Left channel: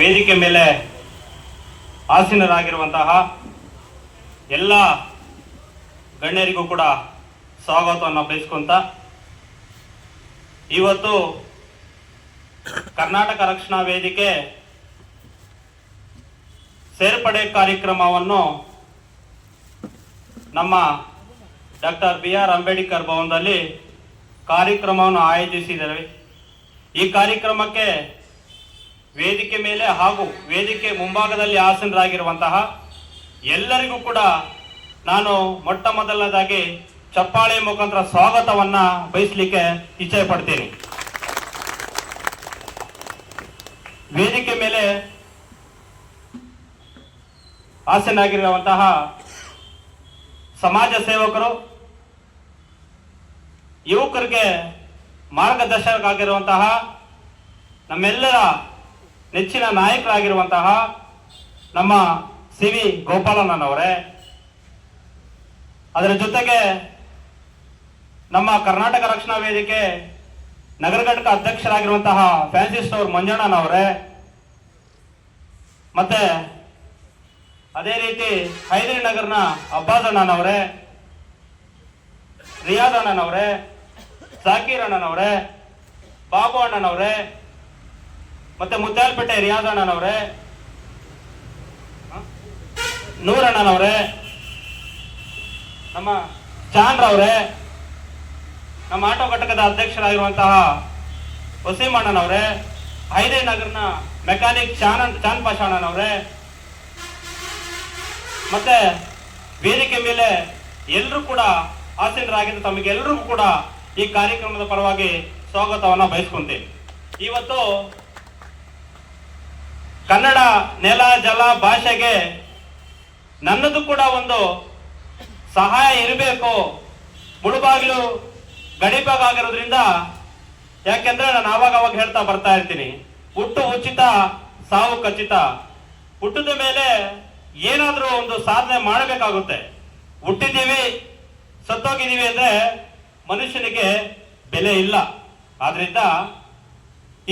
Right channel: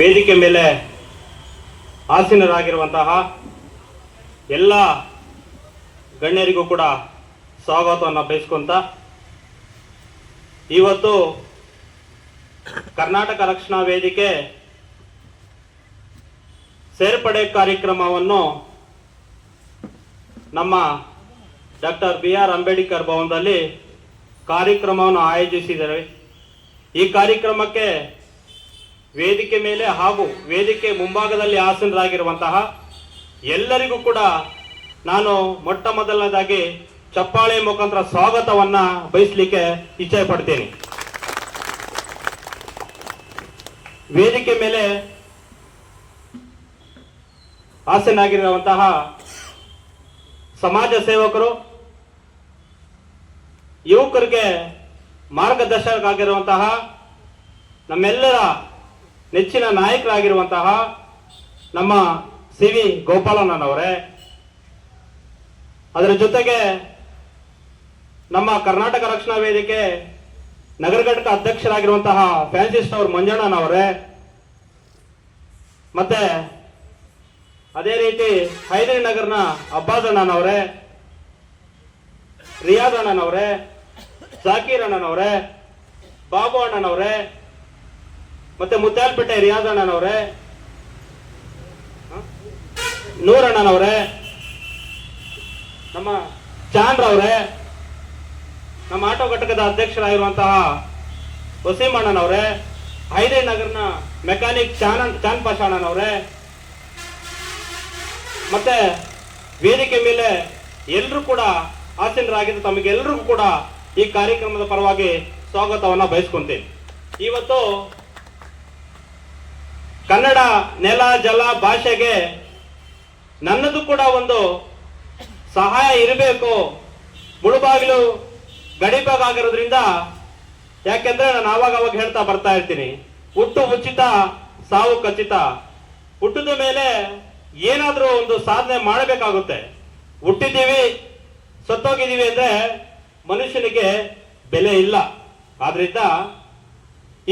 ವೇದಿಕೆ ಮೇಲೆ ಆಸೀನರಾಗಿರುವಂತಹ ಎಲ್ಲ ಗಣ್ಯರಿಗೂ ಕೂಡ ಸ್ವಾಗತವನ್ನು ಬಯಸ್ಕೊಂತ ಇವತ್ತು ಕರ್ನಾಟಕ ರಕ್ಷಣಾ ವೇದಿಕೆ ಸೇರ್ಪಡೆ ಕಾರ್ಯಕ್ರಮವನ್ನು ನಮ್ಮ ಡಾಕ್ಟರ್ ಬಿ ಆರ್ ಅಂಬೇಡ್ಕರ್ ಭವನದಲ್ಲಿ ಕಾರ್ಯಕ್ರಮವನ್ನು ಆಯೋಜಿಸಿದ್ದಾರೆ. ಈ ಕಾರ್ಯಕ್ರಮಕ್ಕೆ ವೇದಿಕೆ ಮೇಲೆ ಹಾಗೂ ವೇದಿಕೆ ಮುಂಭಾಗದಲ್ಲಿ ಆಸೀನರಾಗಿರುವಂತಹ ಎಲ್ಲರಿಗೂ ಕೂಡ ನಾನು ಮೊಟ್ಟ ಮೊದಲನೇದಾಗಿ ಚಪ್ಪಾಳೆ ಮುಖಾಂತರ ಸ್ವಾಗತವನ್ನ ಬಯಸಲಿಕ್ಕೆ ಇಚ್ಛೆ ಪಡ್ತೇನೆ. ವೇದಿಕೆ ಮೇಲೆ ಆಸೀನಾಗಿರುವಂತಹ ಸಮಾಜ ಸೇವಕರು, ಯುವಕರಿಗೆ ಮಾರ್ಗದರ್ಶಕರಾಗಿರುವಂತಹ ನಮ್ಮೆಲ್ಲರ ನೆಚ್ಚಿನ ನಾಯಕರಾಗಿರುವಂತಹ ನಮ್ಮ ಸಿ ವಿ ಗೋಪಾಲಣ್ಣನವರೇ, ಅದರ ಜೊತೆಗೆ ನಮ್ಮ ಕರ್ನಾಟಕ ರಕ್ಷಣಾ ವೇದಿಕೆ ನಗರ ಘಟಕ ಅಧ್ಯಕ್ಷರಾಗಿರುವಂತಹ ಫ್ರಾನ್ಸಿಸ್ ಸ್ಟೋರ್ ಮಂಜಣ್ಣನವರೇ, ಮತ್ತೆ ಅದೇ ರೀತಿ ಹೈದರಿ ನಗರ್ನ ಅಬ್ಬಾಸ್ ಅಣ್ಣನವರೇ ರಿಯಾದ್ ಅಣ್ಣನವರೇ, ಜಾಕೀರ್ ಅಣ್ಣನವರೇ, ಬಾಬು ಅಣ್ಣನವರೇ ಮತ್ತೆ ಮುದ್ದಾಲ್ಪೇಟೆ ರಿಯಾಜ್ ಅಣ್ಣನವ್ರೆ ನೂರ್ ಅಣ್ಣನವ್ರೆ ನಮ್ಮ ಚಾಂದ್ರ ಅವರೇ ನಮ್ಮ ಆಟೋ ಘಟಕದ ಅಧ್ಯಕ್ಷರಾಗಿರುವಂತಹ ವಸೀಂ ಅಣ್ಣನವರೇ ಹೈದೇ ನಗರ್ನ ಮೆಕ್ಯಾನಿಕ್ ಚಾನ್ ಚಾನ್ ಅಣ್ಣನವರೇ ಮತ್ತೆ ವೇದಿಕೆ ಮೇಲೆ ಎಲ್ಲರೂ ಕೂಡ ಆಸೀನರಾಗಿದ್ದು ತಮಗೆಲ್ಲರಿಗೂ ಕೂಡ ಈ ಕಾರ್ಯಕ್ರಮದ ಪರವಾಗಿ ಸ್ವಾಗತವನ್ನ ಬಯಸ್ಕೊಂತೀನಿ. ಇವತ್ತು ಕನ್ನಡ ನೆಲ, ಜಲ ಭಾಷೆಗೆ ನನ್ನದು ಕೂಡ ಒಂದು ಸಹಾಯ ಇರಬೇಕು. ಮುಳುಬಾಗಿಲು ಗಡಿಭಾಗ ಆಗಿರೋದ್ರಿಂದ ಯಾಕೆಂದ್ರೆ ನಾನು ಆವಾಗ ಅವಾಗ ಹೇಳ್ತಾ ಬರ್ತಾ ಇರ್ತೀನಿ. ಹುಟ್ಟು ಉಚಿತ ಸಾವು ಖಚಿತ ಹುಟ್ಟಿದ ಮೇಲೆ ಏನಾದರೂ ಒಂದು ಸಾಧನೆ ಮಾಡಬೇಕಾಗುತ್ತೆ. ಹುಟ್ಟಿದ್ದೀವಿ, ಸತ್ತೋಗಿದ್ದೀವಿ ಅಂದ್ರೆ ಮನುಷ್ಯನಿಗೆ ಬೆಲೆ ಇಲ್ಲ. ಆದ್ರಿಂದ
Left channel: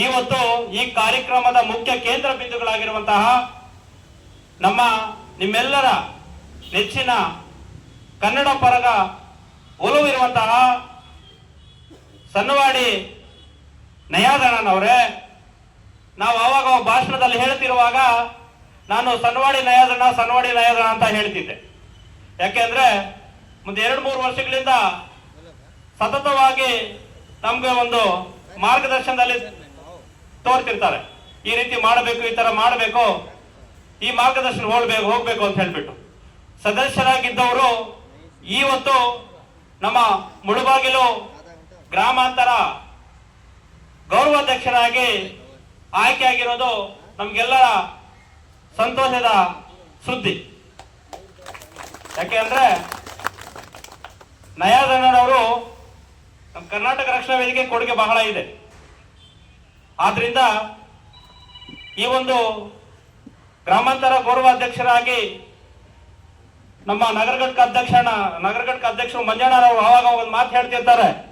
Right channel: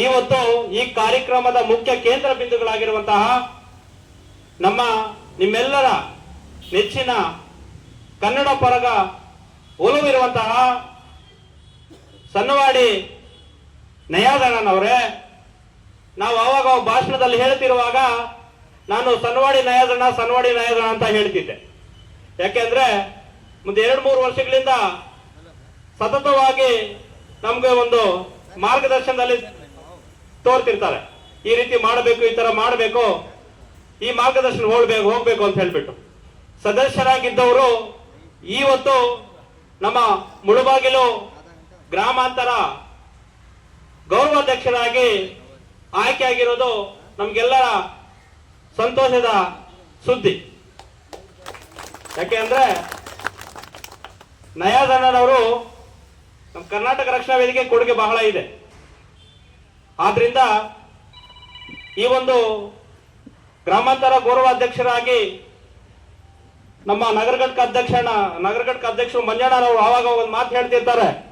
ಇವತ್ತು ಈ ಕಾರ್ಯಕ್ರಮದ ಮುಖ್ಯ ಕೇಂದ್ರ ಬಿಂದುಗಳಾಗಿರುವಂತಹ ನಮ್ಮ ನಿಮ್ಮೆಲ್ಲರ ನೆಚ್ಚಿನ ಕನ್ನಡ ಪರಗ ಒಲುವಿರುವಂತಹ ಸನ್ನವಾಡಿ ನಯಾದಣ್ಣನವರೇ ನಾವು ಅವಾಗ ಭಾಷಣದಲ್ಲಿ ಹೇಳ್ತಿರುವಾಗ ನಾನು ಸನ್ವಾಡಿ ನಯಾದಣ್ಣ ಸನ್ವಾಡಿ ನಯಾದಣ್ಣ ಅಂತ ಹೇಳ್ತಿದ್ದೆ. ಯಾಕೆಂದ್ರೆ ಮುಂದೆ ಎರಡು ಮೂರು ವರ್ಷಗಳಿಂದ ಸತತವಾಗಿ ನಮ್ಗೆ ಒಂದು ಮಾರ್ಗದರ್ಶನದಲ್ಲಿ ತೋರ್ತಿರ್ತಾರೆ. ಈ ರೀತಿ ಮಾಡಬೇಕು, ಈ ತರ ಮಾಡಬೇಕು, ಈ ಮಾರ್ಗದರ್ಶನ ಹೋಗ್ಬೇಕು ಹೋಗ್ಬೇಕು ಅಂತ ಹೇಳ್ಬಿಟ್ಟು. ಸದಸ್ಯರಾಗಿದ್ದವರು ಇವತ್ತು ನಮ್ಮ ಮುಳುಬಾಗಿಲು ಗ್ರಾಮಾಂತರ ಗೌರವಾಧ್ಯಕ್ಷರಾಗಿ ಆಯ್ಕೆಯಾಗಿರೋದು ನಮ್ಗೆಲ್ಲರ ಸಂತೋಷದ ಸುದ್ದಿ. ಯಾಕೆಂದ್ರೆ ನಯಾದಣ್ಣನವರು ನಮ್ಮ ಕರ್ನಾಟಕ ರಕ್ಷಣಾ ವೇದಿಕೆ ಕೊಡುಗೆ ಬಹಳ ಇದೆ. ಆದ್ರಿಂದ ಈ ಒಂದು ಗ್ರಾಮಾಂತರ ಗೌರವಾಧ್ಯಕ್ಷರಾಗಿ ನಮ್ಮ ನಗರ ಘಟಕ ಅಧ್ಯಕ್ಷ ನಗರ ಘಟಕ ಅಧ್ಯಕ್ಷರು ಮಂಜಣ್ಣರವರು ಆವಾಗ ಒಂದು ಮಾತು ಹೇಳ್ತಿರ್ತಾರೆ.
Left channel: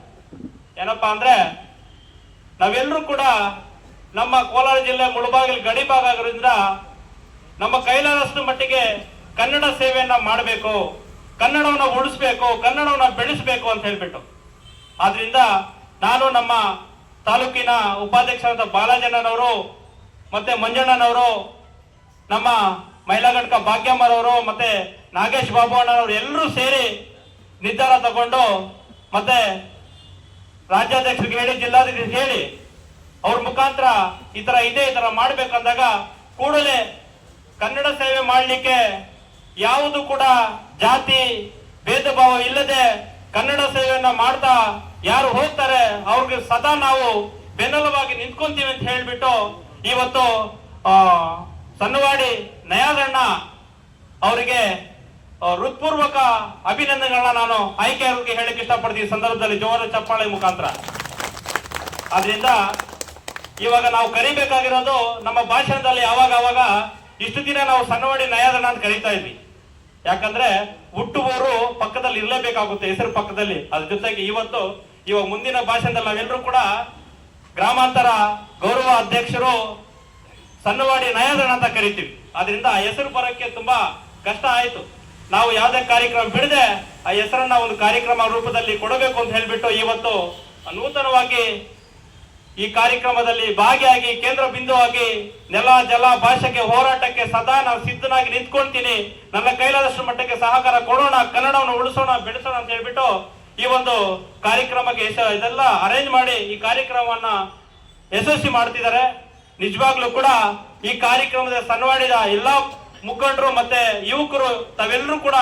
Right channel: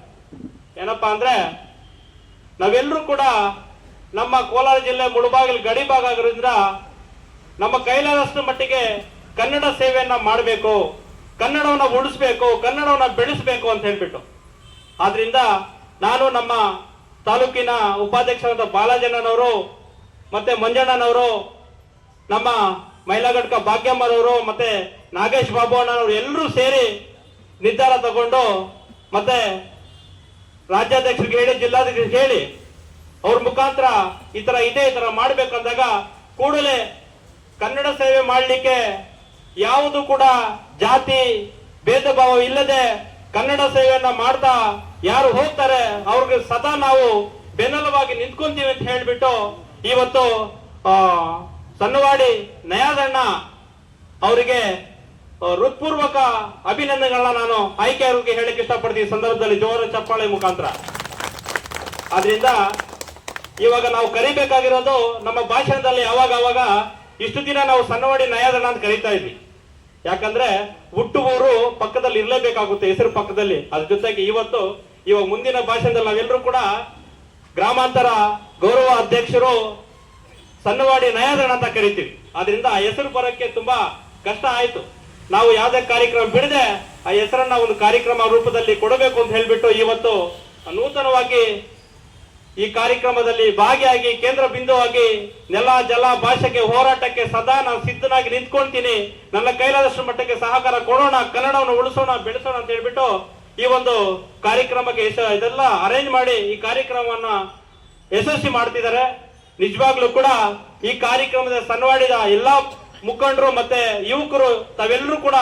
ಏನಪ್ಪಾ ಅಂದ್ರೆ, ನಾವೆಲ್ಲರೂ ಕೂಡ ನಮ್ಮ ಕೋಲಾರ ಜಿಲ್ಲೆ ಮುಳುಬಾಗಿಲು ಗಡಿ ಭಾಗ ಆಗಿರೋದ್ರಿಂದ ನಮ್ಮ ಕೈಲಾದಷ್ಟು ಮಟ್ಟಿಗೆ ಕನ್ನಡ ಸೇವೆಯನ್ನ ಮಾಡಬೇಕು, ಕನ್ನಡವನ್ನ ಉಳಿಸ್ಬೇಕು, ಕನ್ನಡವನ್ನ ಬೆಳೆಸಬೇಕು ಅಂತ ಹೇಳ್ಬಿಟ್ಟು. ಆದ್ರಿಂದ ನಾನು ನಮ್ಮ ತಾಲೂಕಿನ ಉಪಾಧ್ಯಕ್ಷರಾದ ಬಾಲಾಜಣ್ಣನವರು ಮತ್ತೆ ಮಂಜಣ್ಣನವರು, ನಮ್ಮ ಮಹಿಳಾ ಘಟಕ ಭಾಗ್ಯಮ್ಮರವರು ಮತ್ತೆ ನಾಗೇಶ್ ಬಾಬು ಅಣ್ಣನವರು ಎಲ್ಲರೂ ಸೇರಿ ನಿರ್ಧಾರ ತಗೊಂಡು ಮತ್ತೆ ರಾಜ್ಯಾಧ್ಯಕ್ಷರಿಗೆ ಹೇಳಿ ಜಿಲ್ಲಾಧಿಕಾರಿ ಹೇಳಿ ಅವ್ರ ಮುಖಾಂತರ ಈ ತರ ಇದೆ, ಈ ತರ ಮಾಡ್ಬೇಕಂದಾಗ ಕೂಡಲೇ ಕನ್ನಡ ಸೇವೆ ಮಾಡಲಿಕ್ಕೆ ಯಾವುದು ಕೂಡ ಜಾತಿ ಭೇದ ಭಾವ ಇಲ್ಲದೆ ಕನ್ನಡ ಸೇವೆಯನ್ನ ಮಾಡ್ತಾ ಯಾರು ಹೋಗ್ತಾರೆ, ಅವ್ರಿಗೆ ಸದಾ ನಾವು ಬೆನ್ನಲವಾಗಿ ನಿಂತ್ಕೊಂತೀವಿ ಅಂತ ಹೇಳ್ಬಿಟ್ಟು ಇವತ್ತು ಸನ್ನವಾಡಿ ನಯಾದಣ್ಣ ಅವರಿಗೆ ಹೃತ್ಪೂರ್ವಕ ಅಭಿನಂದನೆಗಳನ್ನ ನಾನು ಆಯ್ಕೆಯವರಿಗೆ ಹೇಳಕ್ಕೆ ಇಷ್ಟಪಡ್ತೀನಿ ಸಂದರ್ಭದಲ್ಲಿ ಜೋರ ಚಪ್ಪಾಳೆ ಮುಖಾಂತರ. ಅದರಿಂದ ಇವಾಗ ನಾವು ಕರಿಬೇಕಾಗಿರೋದು ನಮ್ಮ ಭಾಷಣದಲ್ಲಿ ಯಾವಾಗ ಅವಾಗ ಇಷ್ಟು ದಿನ ನಾವು ಸನ್ನವಾಡಿ ನಯಾದಣ್ಣ ಅಂತ ಕರೀತಾ ಇದ್ವಿ. ಯಾಕಂದ್ರೆ ಹುಟ್ಟುವವರು ಪಕ್ಕದಲ್ಲಿ ಇರಲೇಬೇಕಾಗುತ್ತೆ, ಹೆಸರು ಪಕ್ಕದಲ್ಲಿ. ಅದ್ರ ಜೊತೆಗೆ ಇವತ್ತು ಇವಾಗ ಮುಂದಿನ ಭಾಷಣದಲ್ಲಿ ನಾವೆಲ್ಲರೂ ಕೂಡ ಗ್ರಾಮಾಂತರ ಗೌರವ ಅಧ್ಯಕ್ಷರು ಸಣ್ಣವಾಡಿ ನಯಾದನ ಅಂತ ಕರಿತೀವಿ. ಅದರಿಂದ ಆ ಹೆಸರು ಬರೋಕ್ಕೆ ತುಂಬಾ ಕಷ್ಟ ಆಯ್ತು. ನಾವು ಯಾವುದೇ ಕಾರ್ಯಕ್ರಮ ಬಿಡದೆ ಆ ಹೆಸರನ್ನ ಒಂದು ಕಾರ್ಯಕ್ರಮ ರೂಪದಲ್ಲಿ ಕೊಡಬೇಕು ಅಂತ ಹೇಳ್ಬಿಟ್ಟು ಇವತ್ತು ನೂತನವಾಗಿ ಈ ಕಾರ್ಯಕ್ರಮದಲ್ಲಿ ಭಾಗಿಯಾಗಿ ಕೇಂದ್ರ ಬಿಂದುವಾಗಿ ನೆಲ ಜಲ ಭಾಷೆಗೆ ಹೋರಾಟಕ್ಕೆ ಸದಾ ನಾನು ಸಿದ್ಧನಾಗಿ ನಿಂತ್ಕೊಳ್ತೀನಿ ನನ್ನ ಕೈಲಾದಷ್ಟು ಮಟ್ಟಕ್ಕೆ ಸಹಕಾರ ಕೊಡೋಣ, ಕನ್ನಡವನ್ನು ಉಳಿಸೋಣ, ಬೆಳೆಸೋಣ ಅಂತ ಹೇಳ್ಬಿಟ್ಟು ಈ ಒಂದು ಕಾರ್ಯಕ್ರಮಕ್ಕೆ ಇದೆಲ್ಲ ಅರೇಂಜ್ ಮಾಡಿ ಈ ಕಾರ್ಯಕ್ರಮವನ್ನ ಯಶಸ್ವಿ ಮಾಡ್ತಿದ್ದಾರೆ. ನಿಜವಾಗ್ಲೂ ಕೂಡ ಈ ಕಾರ್ಯಕ್ರಮದ ಸನ್ವಾಡಿದ ಎಲ್ಲಾ ಮುಖಂಡರು ಮತ್ತೆ ಯುವಕರು ತಾವೆಲ್ಲರೂ ಕೂಡ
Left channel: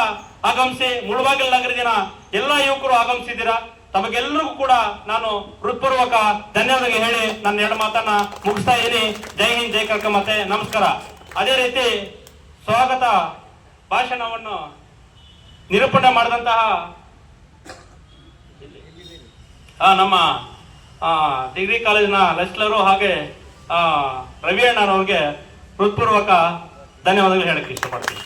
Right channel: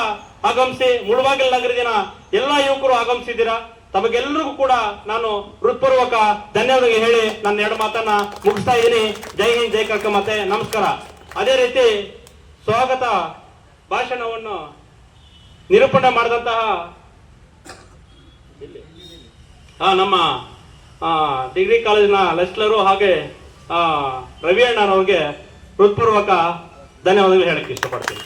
ಆಗಮಿಸಿ, ಮುಳುಬಾಗಿಲು ನಗರದಿನ ಎಲ್ಲಾ ಯುವಕರು ಆಗಮಿಸಿದ್ದೀರಾ? ತಮಗೆಲ್ಲರಿಗೂ ಕೂಡ ನಾನು ಹೃತ್ಪೂರ್ವಕ ಧನ್ಯವಾದ ಹೇಳಿ ನನ್ನ ಎರಡು ಮಾತನ್ನ ಮುಗಿಸ್ತಾ ಇದ್ದೀನಿ. ಜೈ ಹಿಂದ್, ಜೈ ಕರ್ಕ ಮತ್ತೆ ನಮಸ್ಕಾರ. ಅದೇ ರೀತಿ ಸ್ವಾಗತ ಭಾಷಣವನ್ನು ನಿರೂಪಣೆ ಮಾಡಿದಂತಹ ನಮ್ಮ ಡಿಗ್ರಿ ಕಾಲೇಜಿನ ಲೆಕ್ಚರರು ಹಾಗೆ ರವಿ ಅಣ್ಣನವ್ರಿಗೆ ಹೃತ್ಪೂರ್ವಕ ಧನ್ಯವಾದಗಳು ಹೇಳಕ್ಕೆ ಇಷ್ಟಪಡ್ತೀನಿ.